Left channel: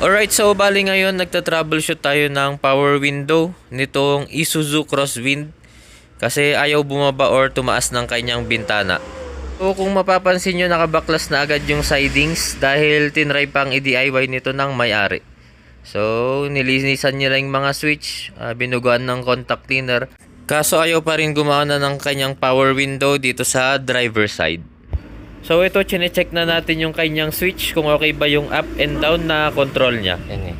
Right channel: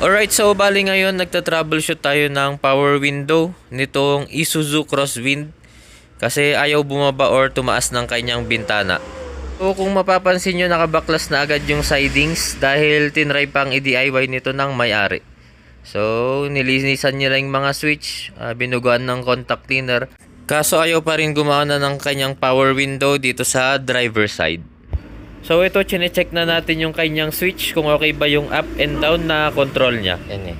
Alright, so bali ngayon nagta-troubleshoot tayo ng power window nitong Isuzu Crosswind kasi ayaw bumaba or tumaas ng kanyang bintana. So kung mapapansin nyo, nakabaklas na agad yung sidings dahil tinry pang i-DIY nito ng may-ari. So nilinisan niya lang yung mga switch, binuguan ng contact cleaner. Kaso ayaw pa rin gumana ng kanyang power window dito sa driver side. So ito, chine-check na natin yung kanyang switch kung okay ba yung up and down na control niya. Yan eh.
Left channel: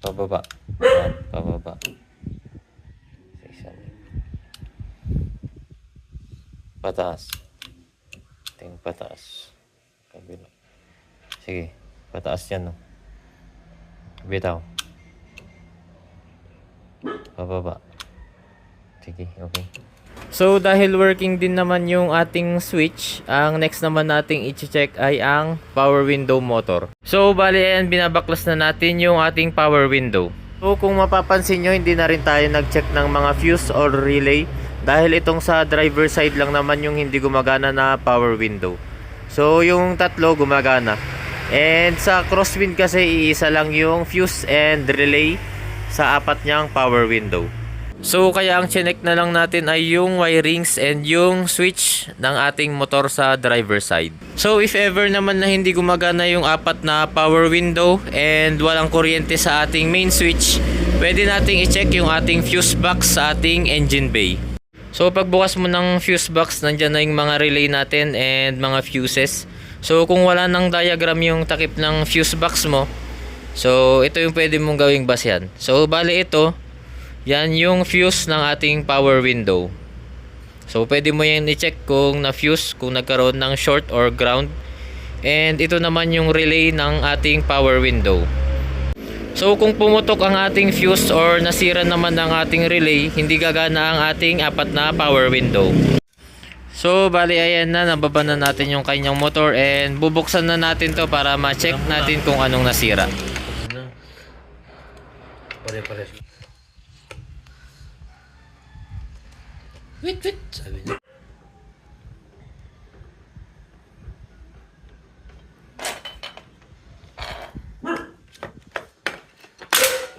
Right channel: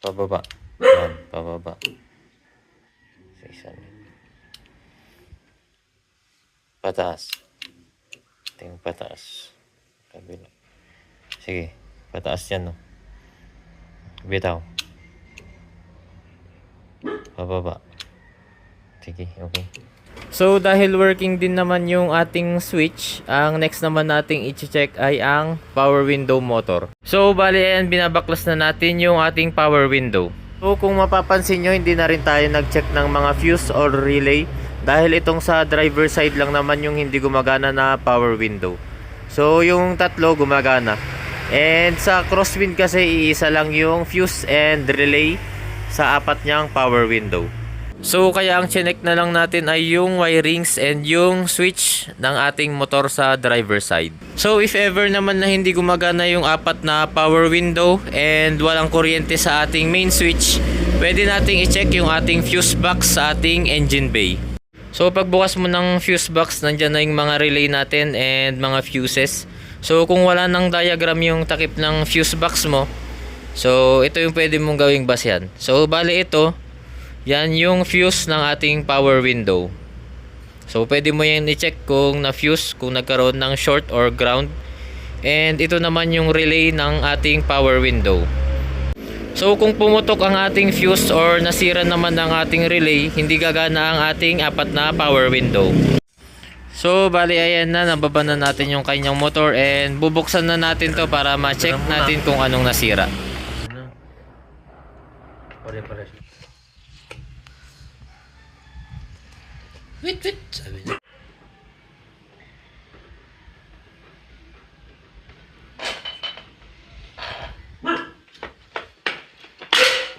Pababa. Yan, pababa. Pataas. Tingin pataas. Kabila. Sige, pataas yan, no. Bitaw. Pababa. Sige, okay. So dahil working din naman yung ating switch, ang next naman nating i-check ay ang power window motor. So bali ayan, binabaklas na natin yung ating power window. So kung mapapansin nyo, hindi na rin tayo nag-check ng mga fuse or relay dahil itong sa driver side lang naman yung hindi gumagana na power window. So yung tatlo gumagana. And sa Crosswind kasi iisa lang yung fuse and relay sa apat niyang power window. So kaya ang chinek na lang natin ay yung wirings and yung switch ng ating motor sa driver side. So if ever naman na hindi gumagana yung apat na power window and walang kuryente sa ating main switch, pwede nating i-check yung ating fuse box sa ating engine bay. So pagbukas mo ng fuse box, nandyan na yung mga relay natin and mga fuses. So kung wala nang diagram yung takip ng fuse box mo, so ito yung pwede mong gawing basehan. So bali ito, yan yung fuse ng ating power window. So pwede mo yan i-check kung na-fuse, kung nagkaroon ng short or ground. And ito naman yung relay ng ating power window. So kung pumutok ang ating fuse or nasira naman ang ating relay, hindi gagana ang ating apat na power window. So bali ayan na, nababa na natin yung kanyang motor and bubuksan na natin to para ma-check natin kung anong nasira. Pare-pare. Wait, sabi niya.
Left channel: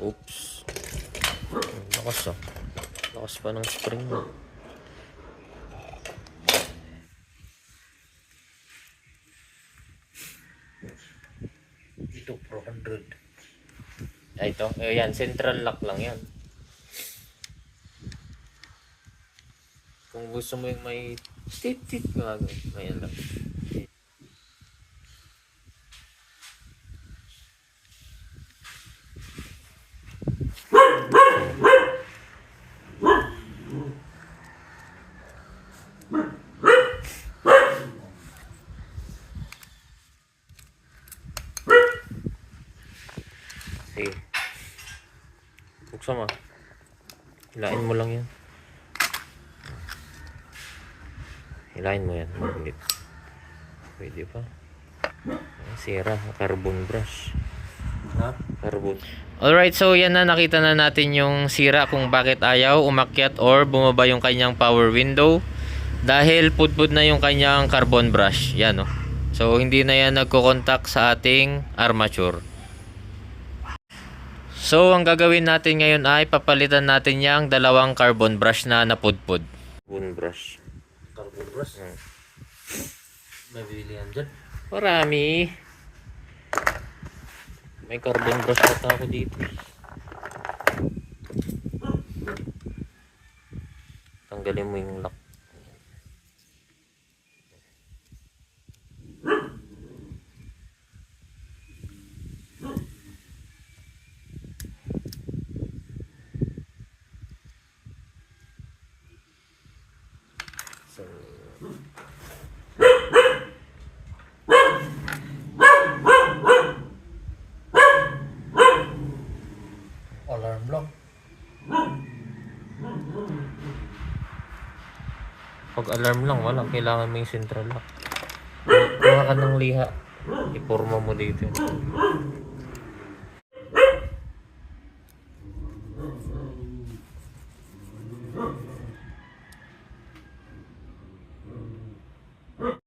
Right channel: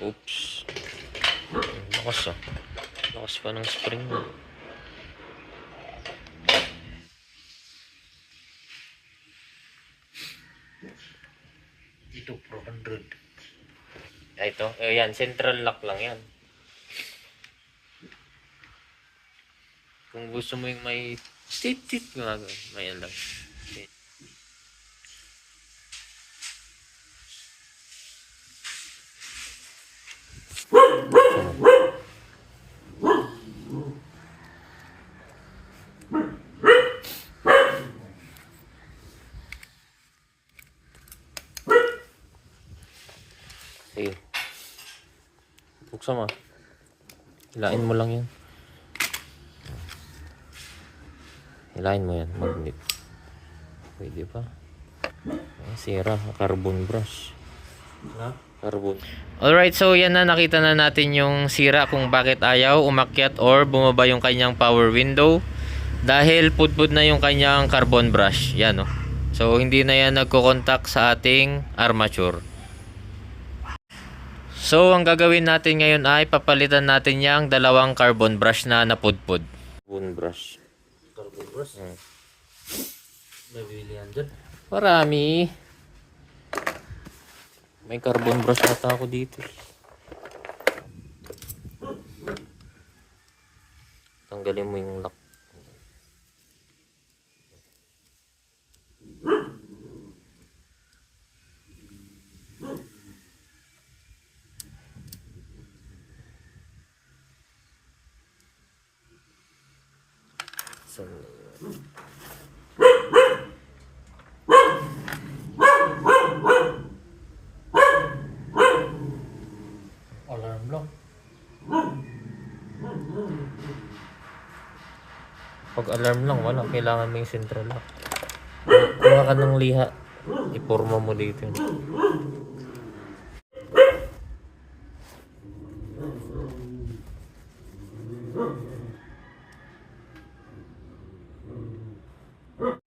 Oops. Lakas ah. Lakas pa ng spring mo. Ito, 400. Ay, ito. Ayan, central lock lang yan. Kung gusto mo yung may tit-tit, may lang. Sige. Buksan mo. Hilain mo lang yan. Hilain mo yan. Magnet. Pwede pa. Sira. Carbon brush. Carbon. Alright, so yan na. Nakita na natin yung sira kung bakit ayaw umakyat or bumaba yung kanyang power window. Dahil pudpud na yung kanyang carbon brush. Yan, oh. So hindi na yan nagko-contact sa ating armature. So ang gagawin natin ngayon ay papalitan natin yung dalawang carbon brush na napudpud. Carbon brush. Carbon brush? May bili yan dyan? Marami. May carbon brush ata ako dito. Tanggalin mo yung lock. So, Alarm lang. pag alarm lang, wala. Kailangan mo yung central lock. Kuha ka ng liha. Iporma mo dito.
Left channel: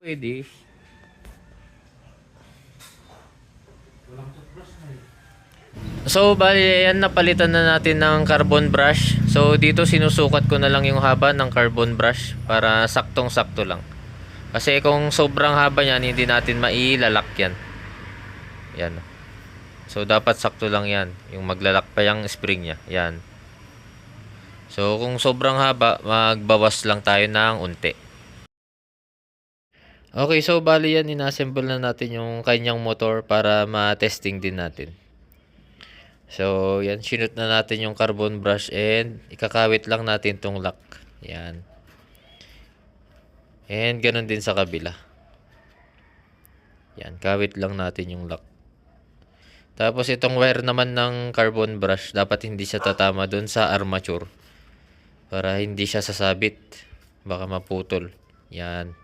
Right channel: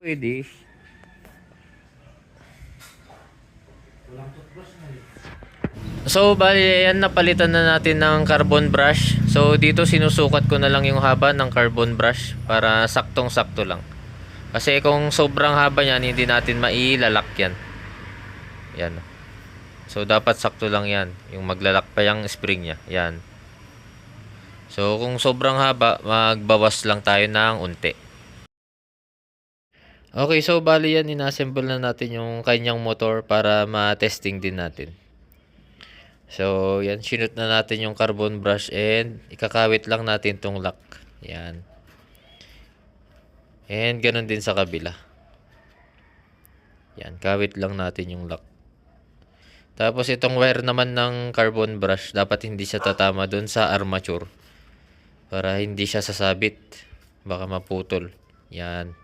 Pwede. Walang toothbrush na yun. So, bali, yan, napalitan na natin ng carbon brush. So, dito sinusukat ko na lang yung haba ng carbon brush para saktong-sakto lang. Kasi kung sobrang haba niyan, hindi natin mailalak yan. Yan. So, dapat sakto lang yan. Yung maglalak pa yung spring niya. Yan. So, kung sobrang haba, magbawas lang tayo ng unti. Okay, so bali yan, inassemble na natin yung kanyang motor para ma-testing din natin. So, yan, sinut na natin yung carbon brush and ikakawit lang natin tong lock. Yan. And ganun din sa kabila. Yan, kawit lang natin yung lock. Tapos itong wire naman ng carbon brush, dapat hindi siya tatama dun sa armature. Para hindi siya sasabit. Baka maputol. Yan.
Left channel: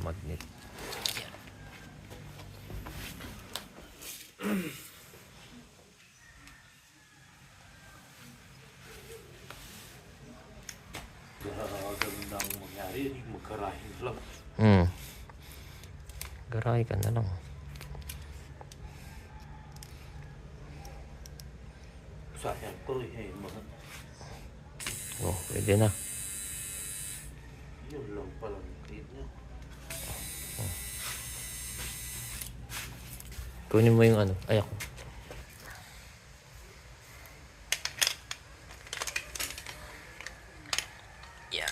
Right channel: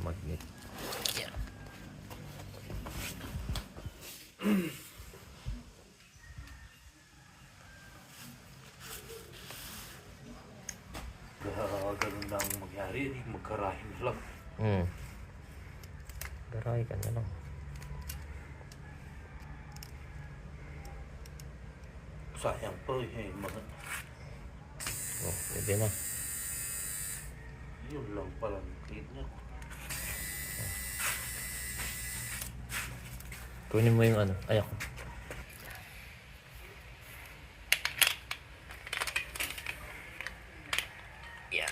Magnet. Ganun lang mangyari, magkarahin na lang. Garay ka na lang. Sayang pa eh, mga Oh, pwede na. yun lang pala ang clean niya. Kunin mo yung ano. Ay, ako. Yeah.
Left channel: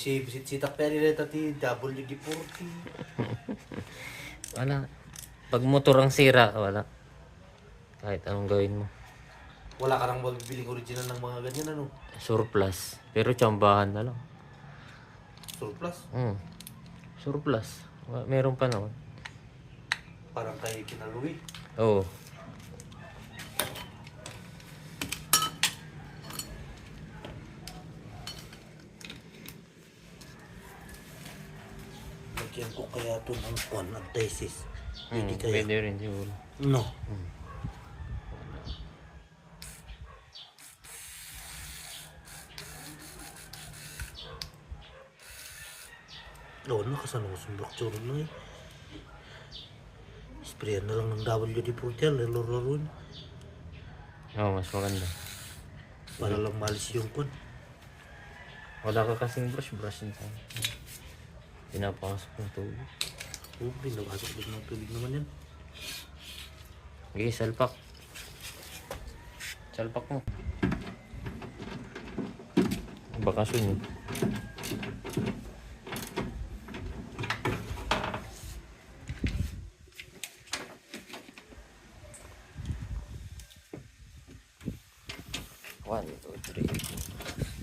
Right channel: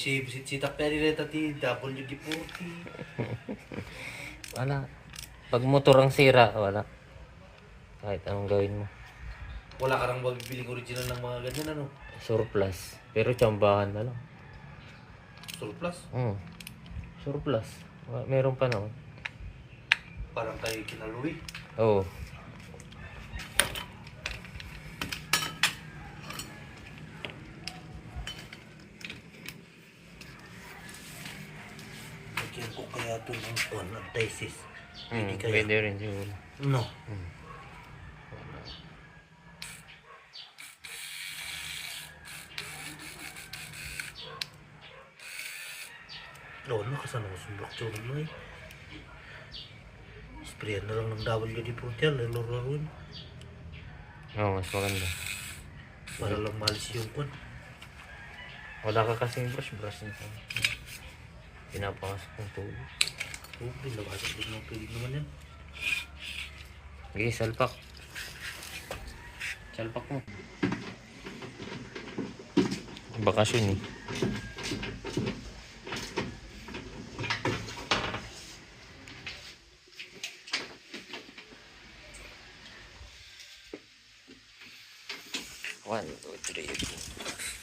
Si Takperi rin tati WD-40. Wala. Pag motor ang sira, wala. Kahit anong gawin mo. Wala ka nang magbibiling original ng mga ganyan ano? Surplus. Pero tsambahan na lang. Surplus? Surplus. Meron pa naman. Parang kay Kinaluwi. Oo. Lagyan ko kaya ito ng anti-sis. Pwede kaya? Pwede rin siguro. No. Oo, nakasama ko sa block mo eh. Sprayan na lang ng WD-40 lalo-laro Oo, mas maganda. para lang malis yung kun. Wala ka kasing brush na sa pinapasok ng tubig. Oo, pinabasok din ng tubig naman yan. Okay, salpak. Salpak mo. Bakasyon eh. One, two, three, four.